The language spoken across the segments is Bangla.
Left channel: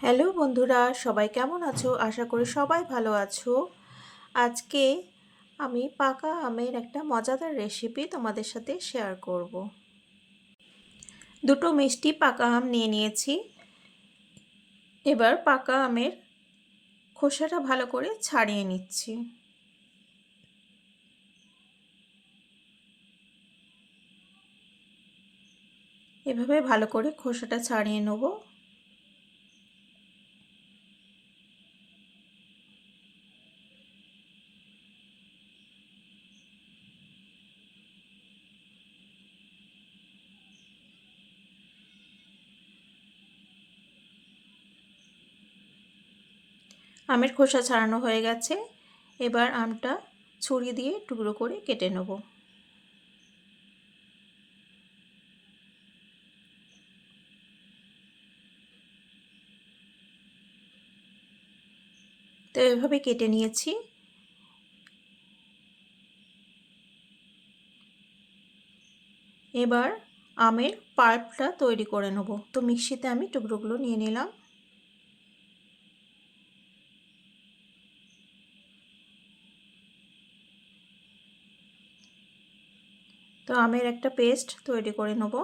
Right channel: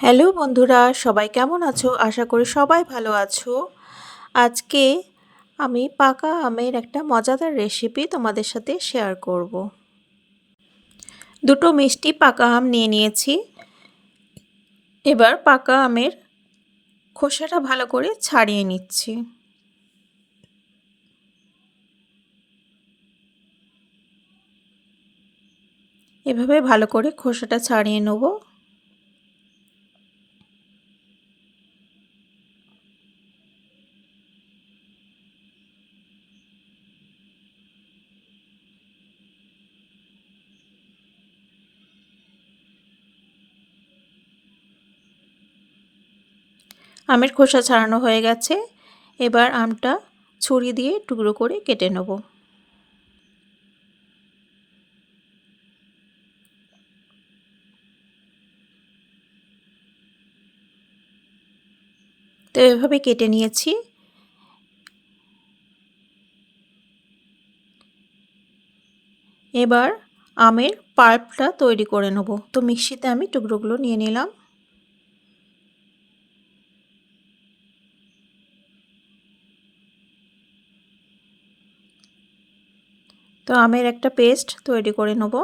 হ্যালো বন্ধুরা, সবাই কেমন আছো? আশা করি সবাই ভালো আছো। আজকে আমি পাকা আমের একটা মজাদার রেসিপি তোমাদের সাথে শেয়ার করব। দুটো মিষ্টি পাকা আম নিয়ে নিয়েছি। এবার পাকা আমের খোসাটা ভালো করে ছাড়িয়ে নিচ্ছি। এভাবে ভালো করে খোসাটা ছাড়িয়ে নেব। আমের খোসা ছাড়ানো হয়ে গেছে। এবার আমটা ছুরি দিয়ে টুকরো করে কেটে নেব। তো এভাবে কেটে নিয়েছি। এবার আমের পাল্পটা তৈরি করে নেব। তো মিক্সিতে আমি টুকরোগুলো নিয়ে নিলাম। তো আমের একটা পেস্ট তৈরি করে নেব।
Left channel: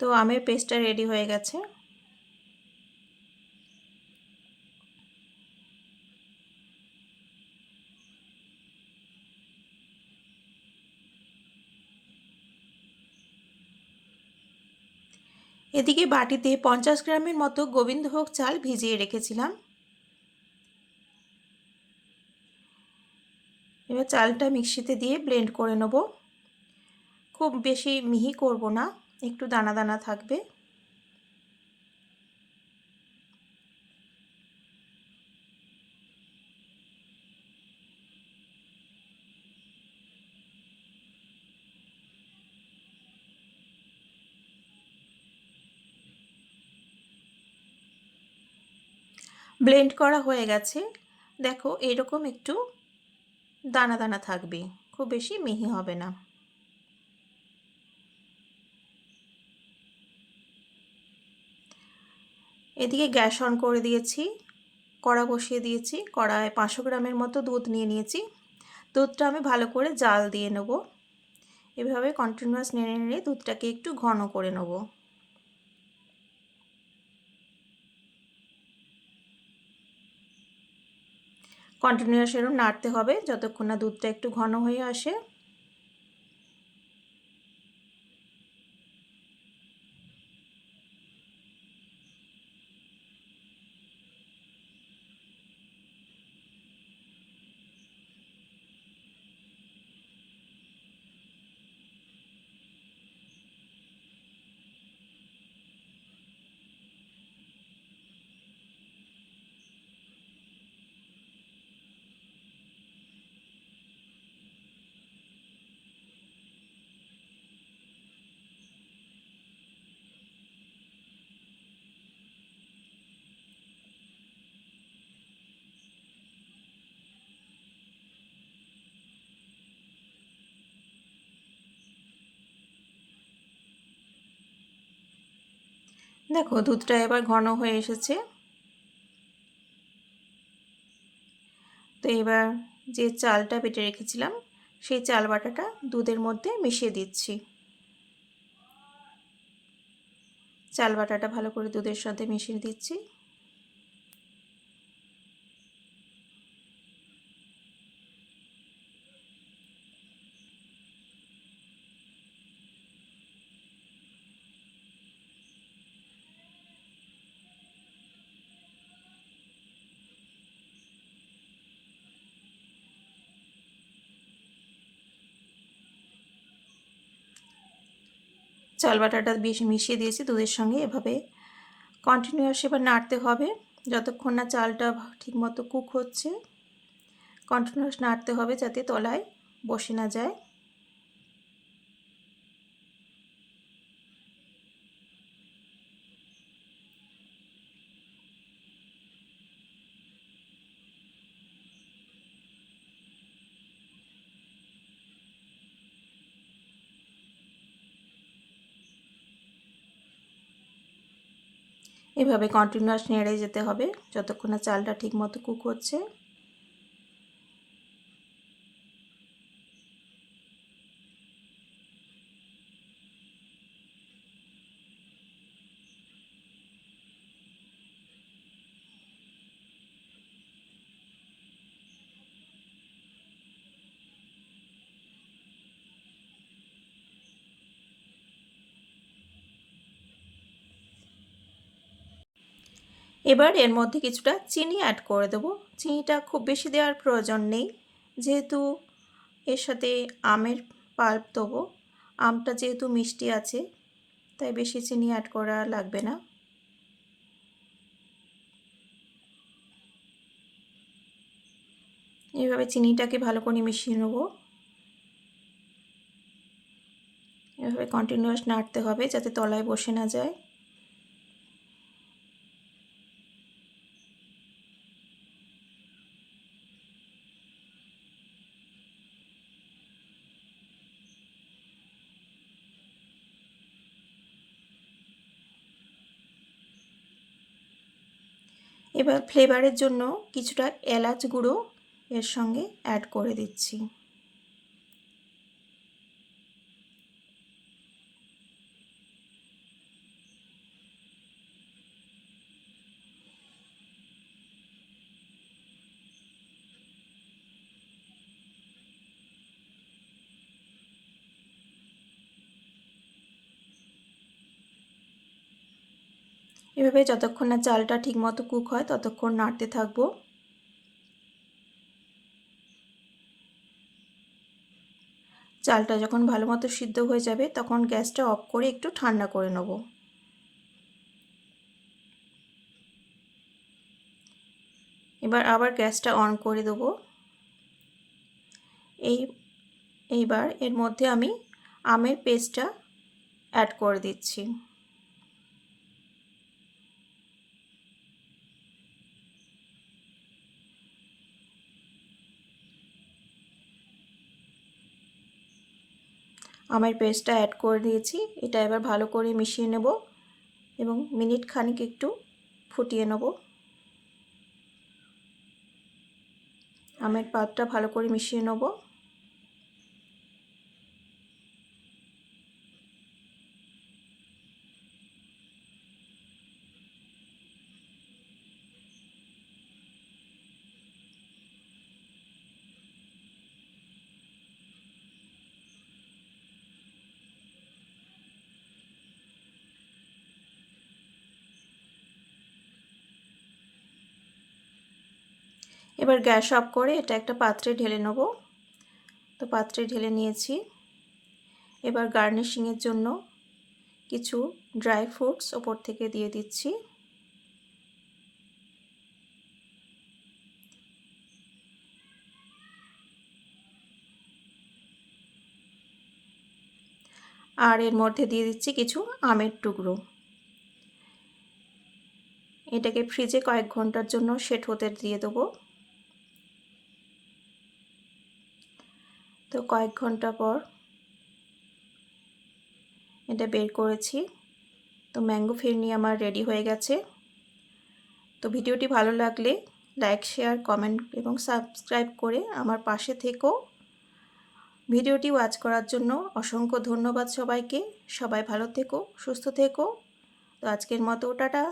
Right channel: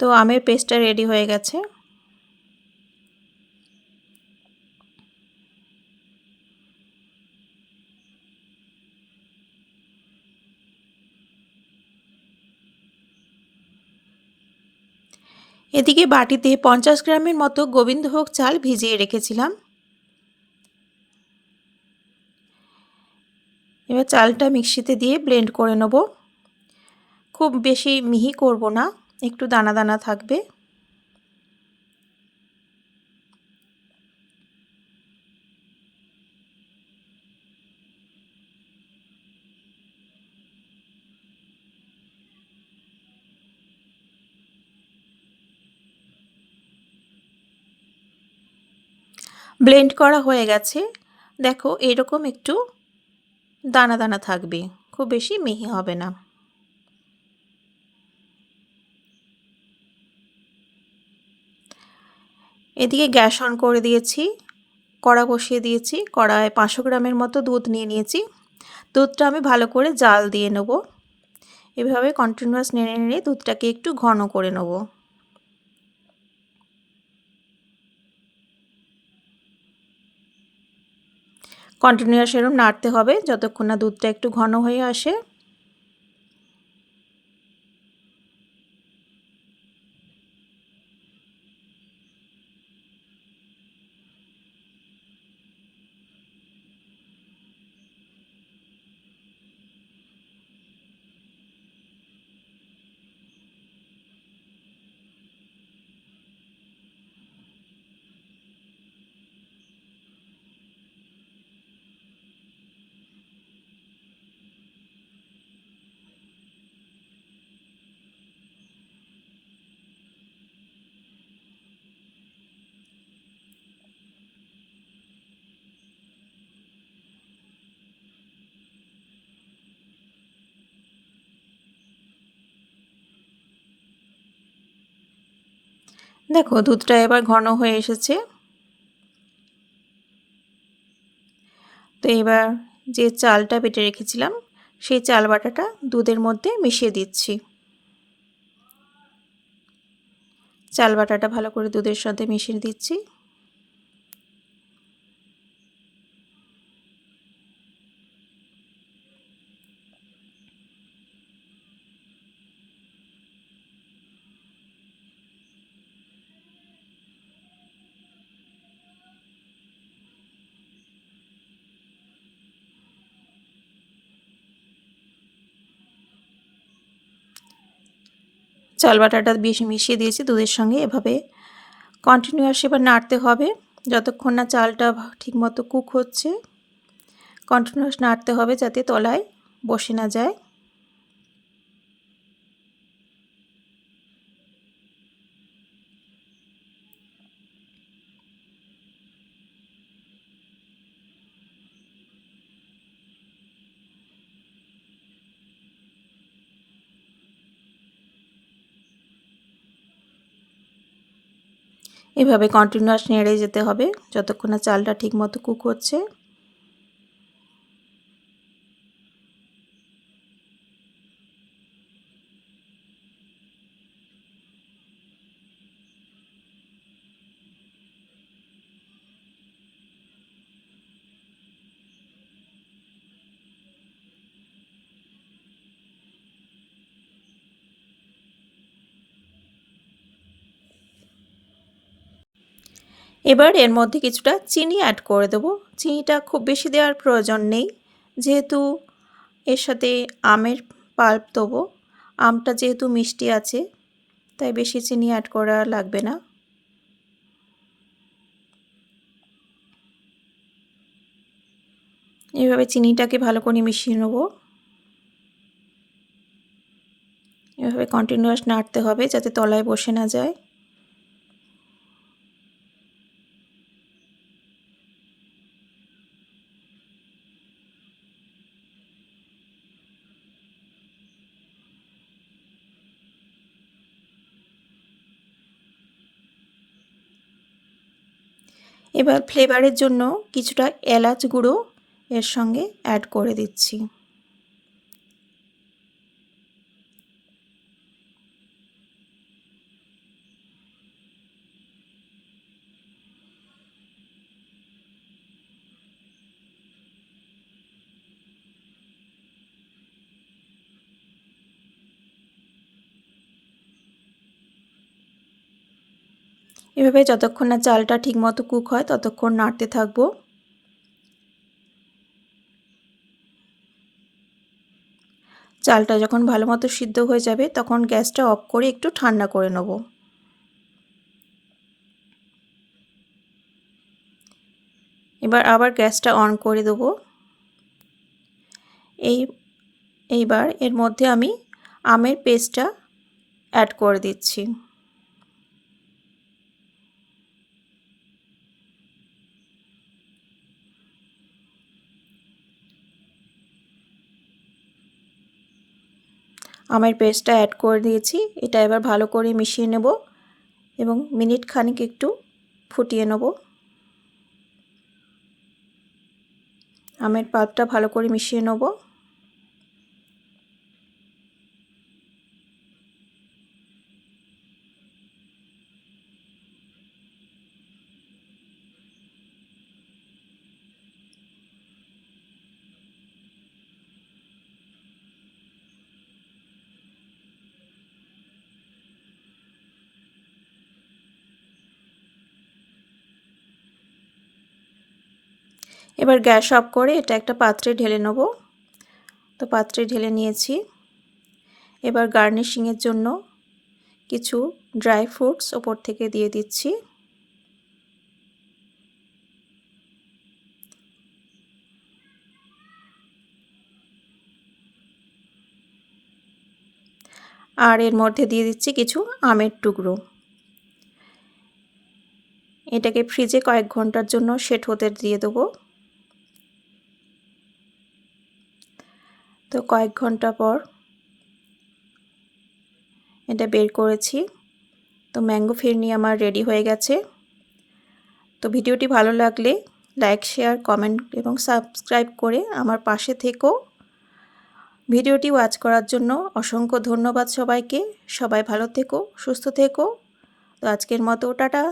তো আমের পেস্টটা রেডি হয়ে গেছে। এদিকে বাটিতে পঞ্চাশ গ্রামের মতো গোবিন্দভোগ চাল ভিজিয়ে রেখেছিলাম এবার চালটা মিক্সিতে দিয়ে ব্লেন্ড করে নেব। খুব বেশি মিহি করব না, একটু দানা দানা থাকবে। ব্লেন্ড করা হয়ে গেছে। দেখো এরকম একটু দানা দানা থাকবে, খুব বেশি মিহি হবে না। এদিকে গ্যাস অন করে দিয়েছি, কড়া বসিয়ে দিয়েছি, কড়ায় পাঁচশো গ্রামের মতো দুধ নিয়ে নিয়েছি। দুধটা আমি ভালো করে জাল দিয়ে নেব। এভাবে কন্টিনিউয়াস নেড়ে নেড়ে দুধটাকে একটু ঘন করে নেব। কন্টিনিউয়াস এরম নাড়তে হবে যতক্ষণ না দুধটা একটু ঘন হয়ে আসে। দেখো দুধটা এবার ঘন হয়ে এসেছে। তো এবার যে চালটা বেটে রেখেছিলাম, সেই চাল বাটাটা দুধের মধ্যে মিশিয়ে দিচ্ছি। চাল বাটাটা ভালো করে দুধের সাথে মিশিয়ে দিচ্ছি। চাল বাটাটা বেশ মিশিয়ে দিয়েছি দুধের সঙ্গে। এভাবে কন্টিনিউয়াস এবার নাড়তে হবে। যতক্ষণ না চালটা ঠিকমতো কুক হচ্ছে কন্টিনিউয়াস নাড়তে হবে যাতে তলায় বসে না যায়। এভাবে কন্টিনিউয়াস নেড়ে যেতে হবে। যতক্ষণ না চালটা ঠিকমতো কুক হচ্ছে এবার এর মধ্যে কিছুটা চিনি অ্যাড করে দেবো। চিনিটা খুব বেশি দেওয়ার প্রয়োজন নেই। যেহেতু এর সাথে আমের পাল্প দেবো। আমটা যেহেতু মিষ্টি আছে, তাই বেশি চিনি অ্যাড করা লাগবে না। এভাবে চিনিটাকে ভালো করে মিশিয়ে নেব। এভাবে কন্টিনিউয়াস নাড়তে হবে যাতে তলায় বসে না যায়। এবার ফ্লেভারের জন্য কিছুটা এলাচ গুঁড়ো এর সঙ্গে অ্যাড করে দিচ্ছি। এভাবে যতক্ষণ না চালটা ঠিকমতো কুক হয়, ততক্ষণ নাড়তে থাকব। চালটা যখন ভালো মতো সিদ্ধ হয়ে যাবে, তখন গ্যাসটা অফ করে একটু ঠান্ডা করে নেব। এবার আবার গ্যাসটা অন করে দেবো। এই, এইবার এর মধ্যে আমি আমের পেস্টটা অ্যাড করে দিচ্ছি। আমের পেস্টটা অ্যাড করে দিয়েছি। এটা এবার ভালো করে মিশিয়ে নেব এবং মিনিট খানিক একটু ফুটিয়ে নেব। আমের পাতটা ভালো করে মিশিয়ে নেব। এবার গ্যাস অফ করে এটা একটা পাত্রে ঢেলে নেব। তো পাত্রে ঢেলে নিয়েছি। এবার গার্নিশিংয়ের জন্য কিছু ড্রাই ফ্রুটস ওপর থেকে দিয়ে দিচ্ছি। আর এর মধ্যে দিয়ে দিচ্ছি কিছু আমের টুকরো। এটাকে ফ্রিজে কয়েক ঘণ্টার জন্য সেট হতে দিয়ে দেবো। তো কয়েক ঘণ্টা পর এটা বের করেছি। তো ম্যাঙ্গো ফিরনি আমার রেডি হয়ে গেছে। তো ভিডিওটি ভালো লাগলে লাইক শেয়ার কমেন্ট এবং সাবস্ক্রাইব করে আমার পাশে থেকো। ভিডিওটি ওয়াচ করার জন্য অসংখ্য ধন্যবাদ সবাইকে। সবাই ভালো থেকো, সুস্থ থেকো। তো আজকের মতো টাটা।